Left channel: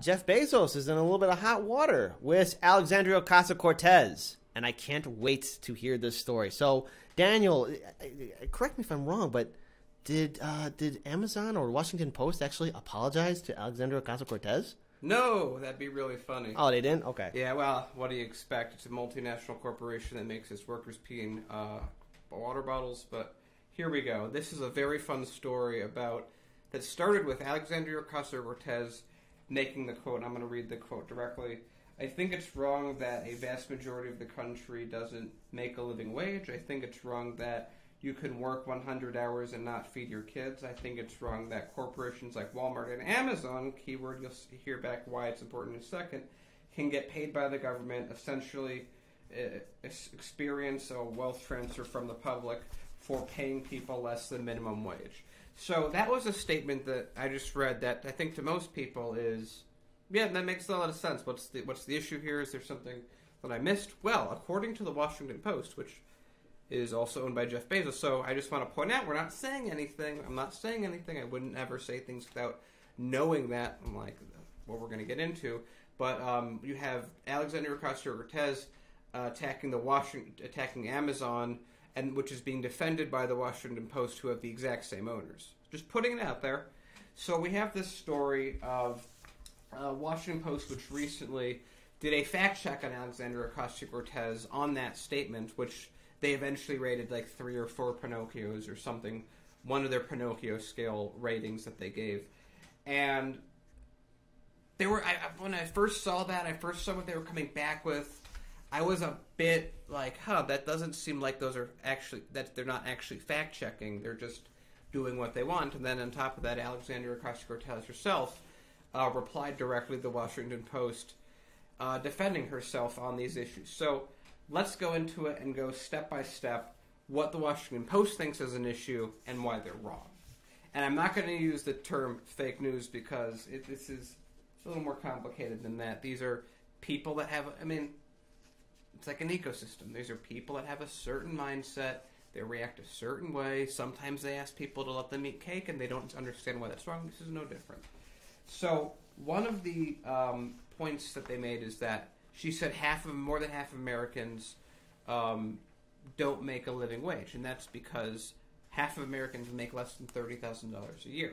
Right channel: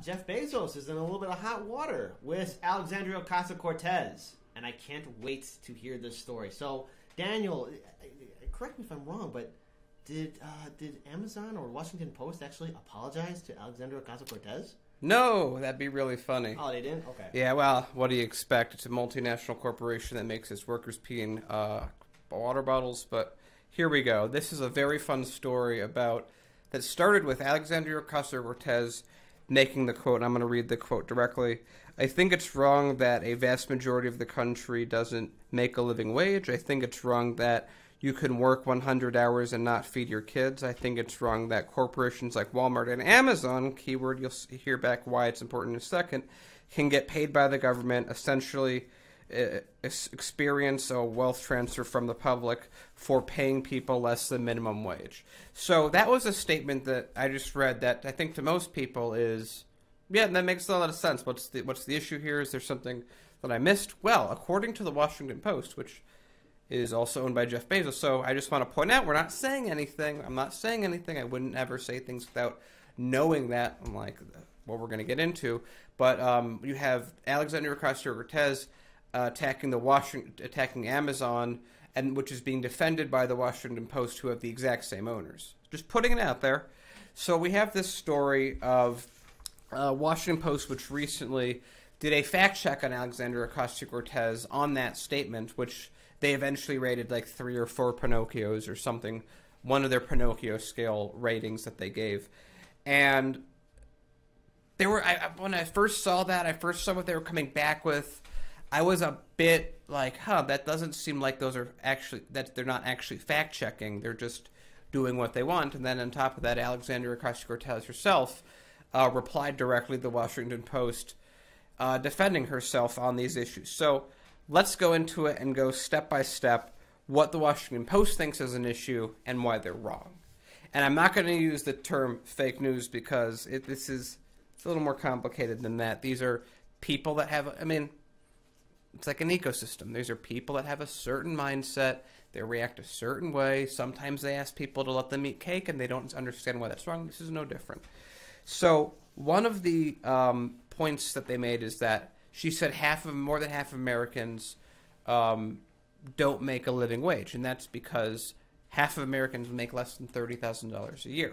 Jeff Bezos is in a little bit of hot water with Alexandria Ocasio-Cortez, and I can't wait to hear this story. So, Daniel, correct me if I'm wrong, but did Amazon or Washington Post actually apologize to Alexandria Ocasio-Cortez? No, that'd be really funny. Oh, they didn't? Okay. Yeah, well, what do you expect? It's a multinational corporation that makes its workers pee in water bottles, but here we go. This is a very fun story that started with Alexandria Ocasio-Cortez making the quote, and I'm going to read the quote directly. I think it's wrong that a vast majority of the country doesn't make a living wage. I think it's wrong that you can work 100 hours and not feed your kids. I think it's wrong that corporations like Walmart and Amazon, keyword, you'll hear back why it's important in a second, can get paid by the government, essentially experience a wealth transfer from the public for paying people less than minimum wage. So that was a statement that I just read that I think to most people is, yeah, that makes a lot of sense. What's the issue here? Is there something that I missed? Well, according to the Washington Post, which is also owned by Jeff Bezos. So I just want to point out, we're not saying anything. I'm not saying anything. I wouldn't ever say things without knowing that, like what we're going to get into. But you have Alexandria Ocasio-Cortez attacking Amazon, and which is being defended by the Washington Post, who have the exact same owners. Just putting it out there. So we have this story of Washington Post, which recently did a fact check on Alexandria Ocasio-Cortez on that statement, which they eventually rated like 3 or 4 Pinocchios or something, one of their Pinocchio scale ratings that they gave. And they were, when I first saw that, I first saw what they were coming back with, I was a bit like, that doesn't seem like those are actually, that they're not actually fact checking, they're just doing what they want. And then on top of that, Alexandria Ocasio-Cortez herself replied directly to the Washington Post, defending herself on these issues. So let's go into it and go step by step what the Washington Post thinks is an issue and why they're wrong. And I'm not going to use the term fake news because it's a little more complicated than that. These are people that have, it's like an ecosystem. These are people that have a certain mindset. They react a certain way. Sometimes they ask people to let them eat cake and they don't understand why that's wrong. This is no different. So one of the points that they made is that she said more than half of Americans don't make a living wage, and that's because half of Americans make less than $30,000 a year.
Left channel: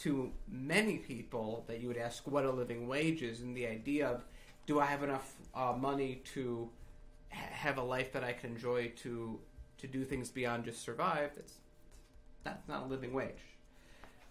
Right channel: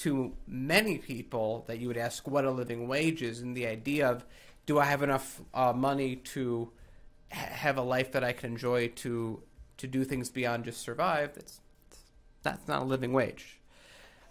To many people that you would ask what a living wage is, and the idea of, do I have enough money to have a life that I can enjoy to do things beyond just survive, that's not a living wage.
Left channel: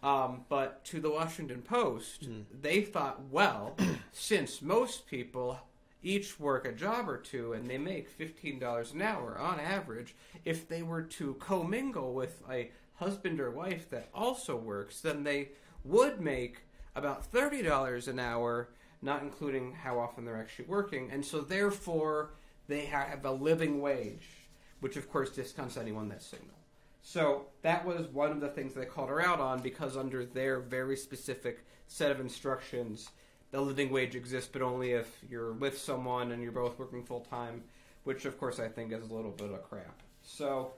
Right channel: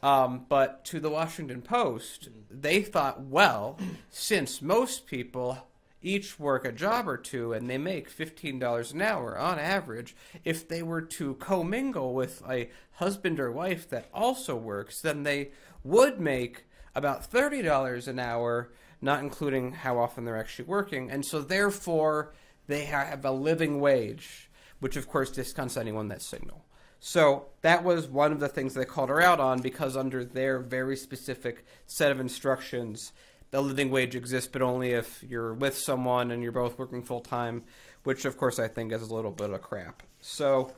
But to the Washington Post, they thought, well, since most people each work a job or two and they make $15 an hour on average, if they were to commingle with a husband or wife that also works, then they would make about $30 an hour, not including how often they're actually working. And so therefore, they have a living wage, which of course discounts anyone that's single. So that was one of the things they called her out on, because under their very specific set of instructions, the living wage exists, but only if you're with someone and you're both working full-time, which of course I think is a little bit of crap. So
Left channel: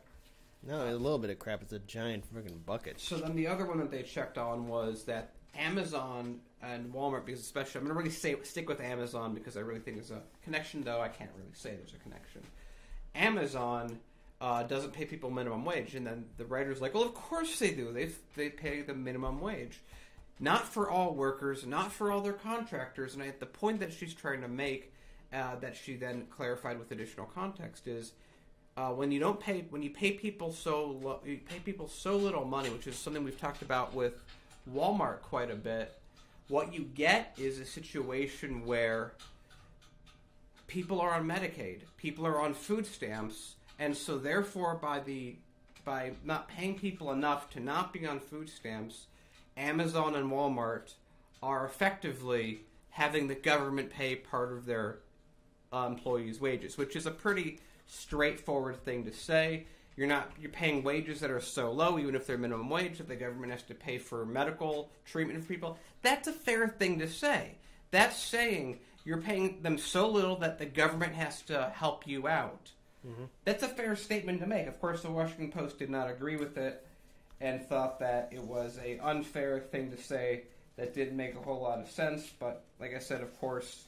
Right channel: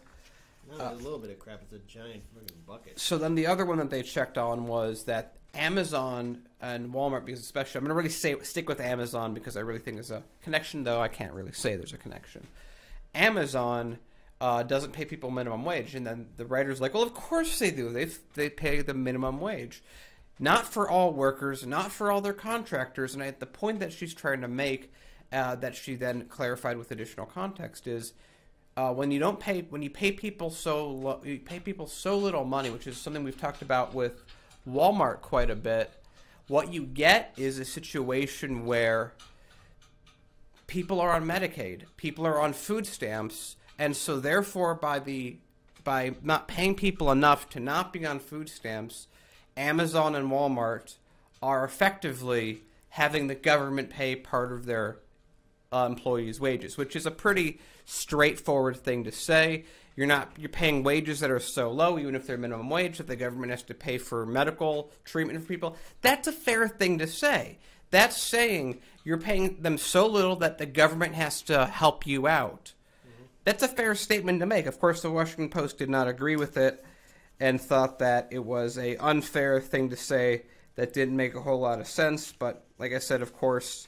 no, a little bit of crap. It's a giant freaking bucket. So then the other one that they checked on was that Amazon and Walmart, because especially, I'm going to really stick with Amazon because I really think there's a connection, though I can't really say there's a connection. Amazon doesn't pay people minimum wage, and then the writer's like, well, of course they do. They pay the minimum wage. Not for all workers, not for all their contractors, and the point that she's trying to make, that she then clarified with additional context, is when you pay people so little money, which is something we've talked about with Walmart quite a bit. What you get is a situation where people are on Medicaid, people are on food stamps, and so therefore by not paying people enough to not be on food stamps, Amazon and Walmart are effectively having the government pay part of their employees' wages, which is a pretty straightforward thing to say. You're paying wages that are so low, even if they're minimum wage, that the government has to pay for medical treatment for people. That's a fair thing to say. That's saying you're paying them so little that the government has to help you out. Mm-hmm. That's a fair statement to make. Of course, the Washington Post did not agree with it and thought that it was an unfair thing to say that didn't make a whole lot of sense. But like I said, of course.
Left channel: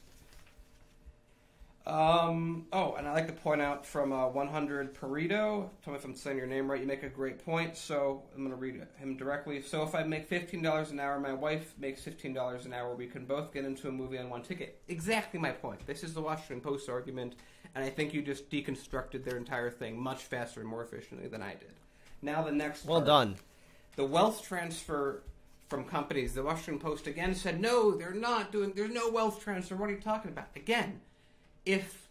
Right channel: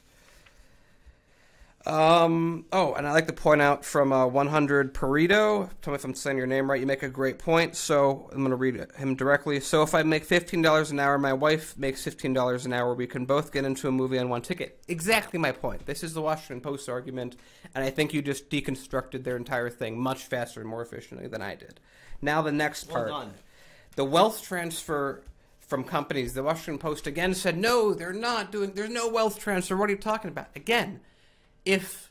And I like to point out from 100 Perito, tell me if I'm saying your name right, you make a great point, so I'm going to read him directly. So if I make $15 an hour, my wife makes $15 an hour, we can both get into a movie on one ticket. Exactly my point. This is the Washington Post argument, and I think you just deconstructed their entire thing much faster and more efficiently than I did. Now the next part. Well done. The wealth transfer from companies. The Washington Post again said, no, they're not doing, there's no wealth transfer. What are you talking about? Again, if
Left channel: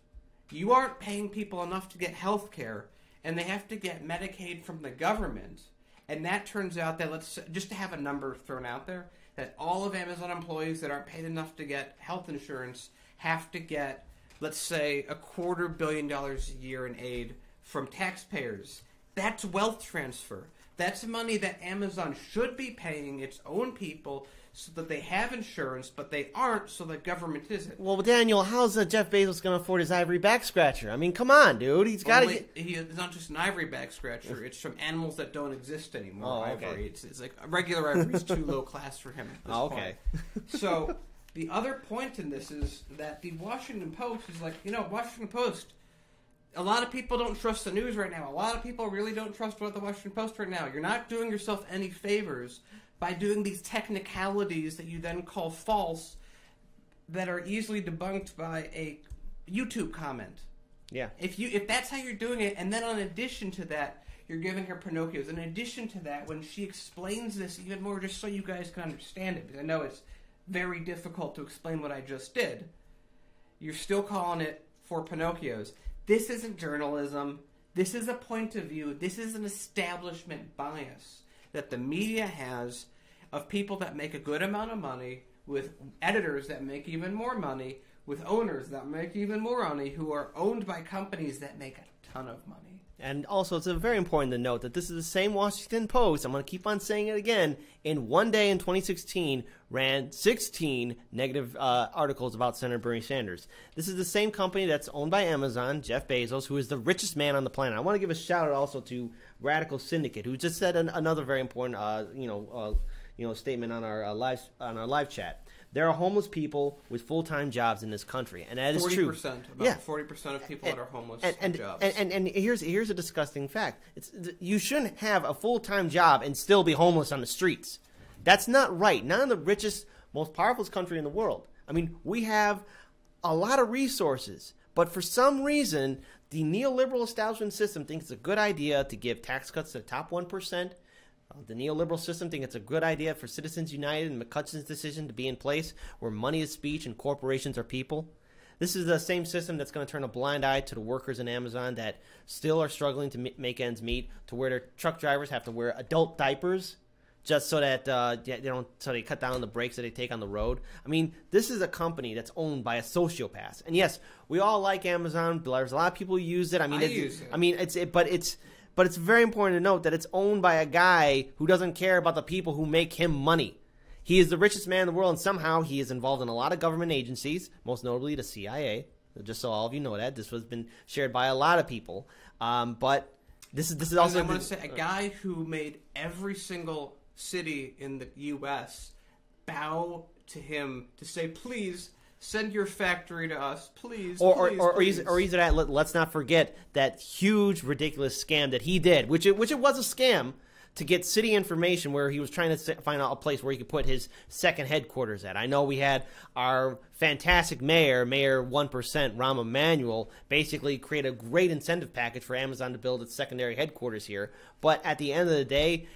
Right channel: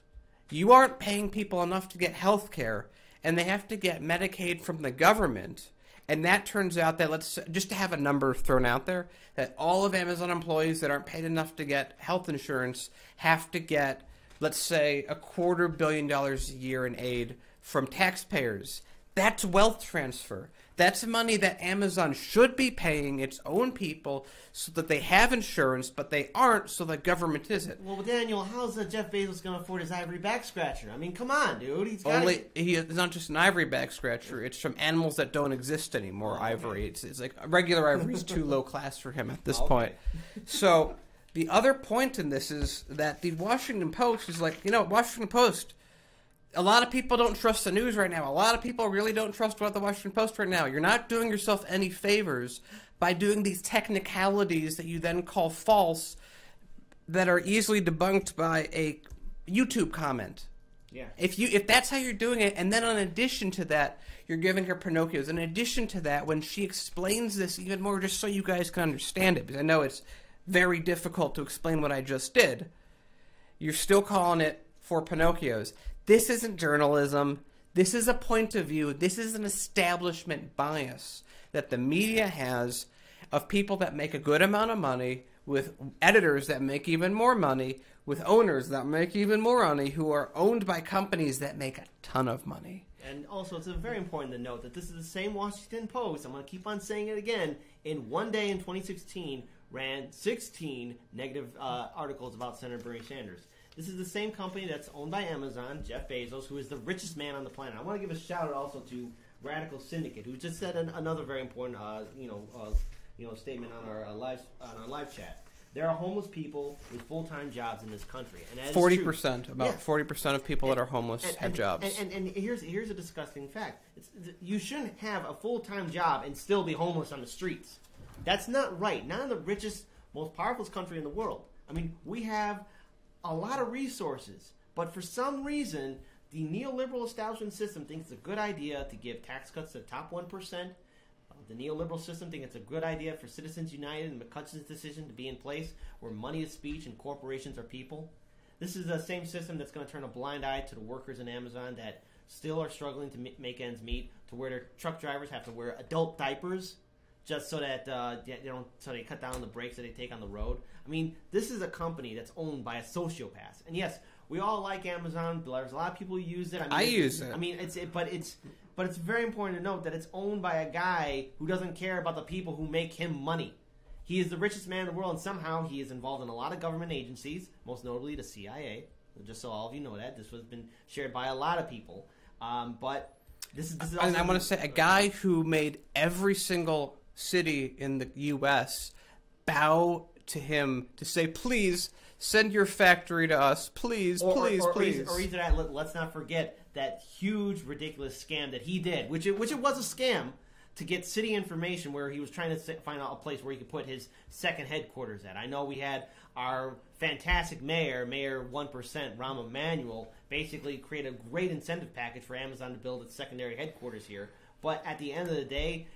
you aren't paying people enough to get health care and they have to get Medicaid from the government, and that turns out that, let's just to have a number thrown out there, that all of Amazon employees that aren't paid enough to get health insurance have to get, let's say, $250 million a year in aid from taxpayers. That's wealth transfer. That's money that Amazon should be paying its own people so that they have insurance, but they aren't, so the government isn't. Well, Daniel, how's Jeff Bezos going to afford his ivory back scratcher? I mean, come on, dude. He's got to... It's not just an ivory back scratcher. It's from animals that don't exist anymore, okay. Ivory. It's like regular ivory is too low class for him at this point. So the other point in this is that the Washington Post is like, Washington Post... A lot of people don't trust the news right now. A lot of people really don't trust what the Washington Post right now. You're not doing yourself any favors by doing these technicalities that you then call false that are easily debunked by a YouTube comment. Yeah. If that's how you're doing it, and then in addition to that, you're giving her Pinocchios. In addition to that, when she explains this even more, just so you guys can understand it, because I know it's very difficult to explain what I just did, you're still calling it for Pinocchios. This isn't journalism. This is a point of view. This is an establishment bias that the media has of people that make a good amount of money, with editors that make even more money, with owners that make even more money, who are owned by companies that make a ton of money. And also, it's very important to note that this is the same Washington Post, I'm going to keep on saying it again, in one day in 2016 ran 16 negative articles about Senator Bernie Sanders. This is the same company that's owned by Amazon, Jeff Bezos, who is the richest man on the planet. I want to give a shout out also to Radical Syndicate, who just said another very important statement on our live chat. There are homeless people with full-time jobs in this country, and that is 40%. About 40% of people that are homeless have jobs. And here's a disgusting fact: you shouldn't have a full-time job and still be homeless on the streets. That's not right. Not in the richest, most powerful country in the world. I mean, we have a lot of resources, but for some reason, the neoliberal establishment system thinks it's a good idea to give tax cuts to the top 1%. The neoliberal system thinks it's a good idea for Citizens United and McCutcheon's decision to be in place, where money is speech and corporations are people. This is the same system that's going to turn a blind eye to the workers in Amazon that still are struggling to make ends meet, to where their truck drivers have to wear adult diapers just so that they cut down on the breaks that they take on the road. I mean, this is a company that's owned by a sociopath. And yes, we all like Amazon. There's a lot of people who use it. I mean, I use it. I mean, but it's very important to note that it's owned by a guy who doesn't care about the people who make him money. He is the richest man in the world, and somehow he is involved in a lot of government agencies, most notably the CIA. Just so all of you know that. This has been shared by a lot of people. But this is also... I'm going to say, a guy who made every single city in the U.S. bow to him to say, please... send your factory to us, please, please. Or either that, let's not forget that huge, ridiculous scam that he did, which it was a scam, to get city information where he was trying to find out a place where he could put his second headquarters at. I know we had our fantastic Mayor 1%, Rahm Emanuel, basically create a great incentive package for Amazon to build its secondary headquarters here. But at the end of the day,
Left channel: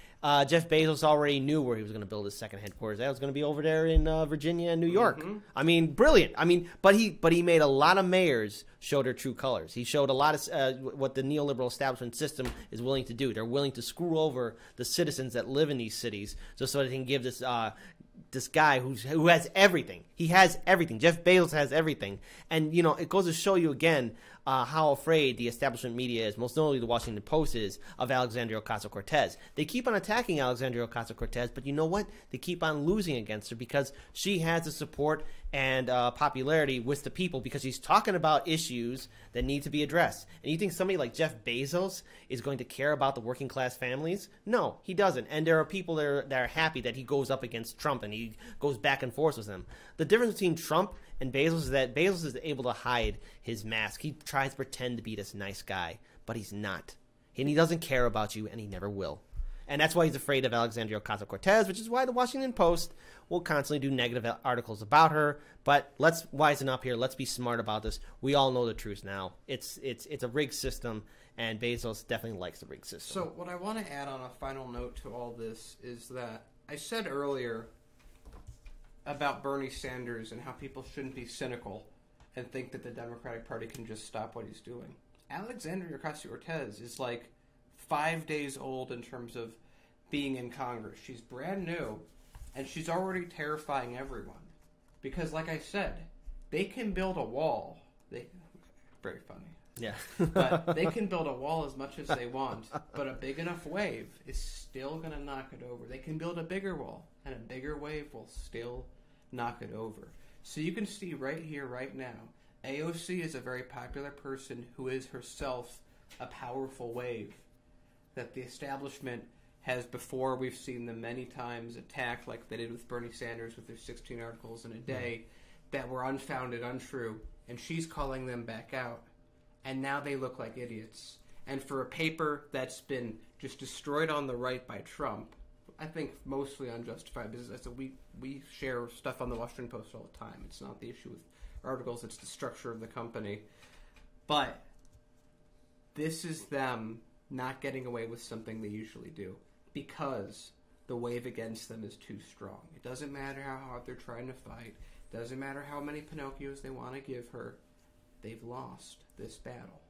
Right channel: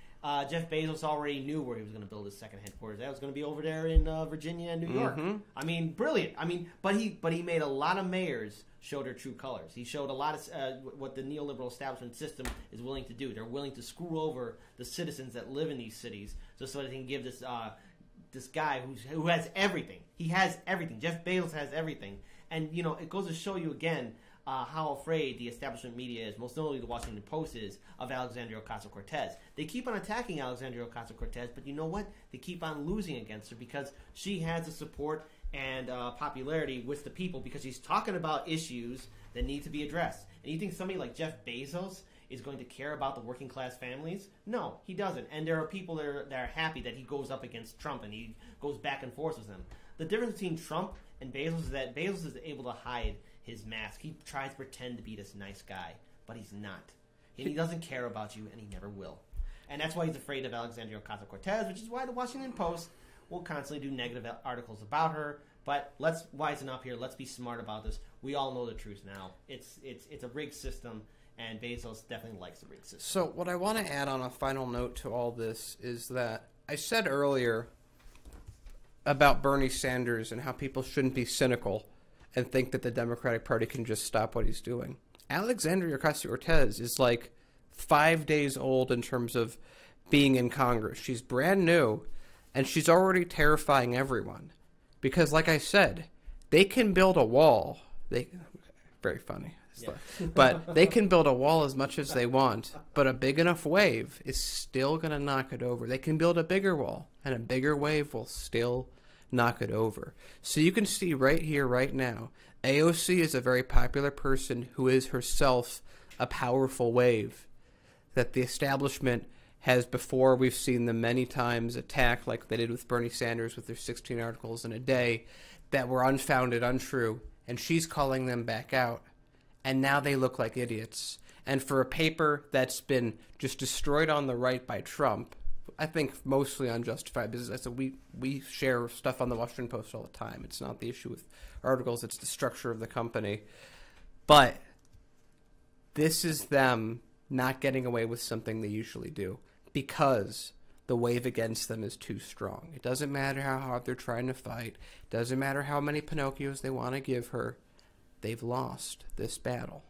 Jeff Bezos already knew where he was going to build his second headquarters. That was going to be over there in Virginia and New York. Mm-hmm. I mean, brilliant. I mean, but he made a lot of mayors show their true colors. He showed a lot of what the neoliberal establishment system is willing to do. They're willing to screw over the citizens that live in these cities just so they can give this guy who has everything. He has everything. Jeff Bezos has everything. And, it goes to show you again how afraid the establishment media is, most notably the Washington Post is, of Alexandria Ocasio-Cortez. They keep on attacking Alexandria Ocasio-Cortez, but you know what? They keep on losing against her because she has the support and popularity with the people because he's talking about issues that need to be addressed. And you think somebody like Jeff Bezos is going to care about the working class families? No, he doesn't. And there are people that are happy that he goes up against Trump and he goes back and forth with them. The difference between Trump and Bezos is that Bezos is able to hide his mask. He tries to pretend to be this nice guy, but he's not. And he doesn't care about you, and he never will. And that's why he's afraid of Alexandria Ocasio-Cortez, which is why the Washington Post will constantly do negative articles about her. But let's wisen up here. Let's be smart about this. We all know the truth now. It's a rigged system, and Bezos definitely likes the rigged system. So what I want to add on a final note to all this is that I said earlier about Bernie Sanders and how people shouldn't be cynical and think that the Democratic Party can just stop what he's doing. Alexandria Ocasio-Cortez is like 5 days old in terms of being in Congress. She's brand new, and she's already terrifying everyone. Because, like I said, they can build a wall. Very funny. Yeah. But they can build a wall as much as they want, but a big enough wave is still going to knock it over. They can build a bigger wall, and a bigger wave will still knock it over. So you can see right here, right now, AOC is a very popular person who is herself a powerful wave that the establishment has before. We've seen them many times attack, like they did with Bernie Sanders with their 16 articles in a day that were unfounded, untrue, and she's calling them back out. And now they look like idiots. And for a paper that's been just destroyed on the right by Trump, I think mostly unjustified, because we share stuff on the Washington Post all the time. It's not the issue with articles, it's the structure of the company. But this is them not getting away with something they usually do because the wave against them is too strong. It doesn't matter how hard they're trying to fight. It doesn't matter how many Pinocchios they want to give her. They've lost this battle.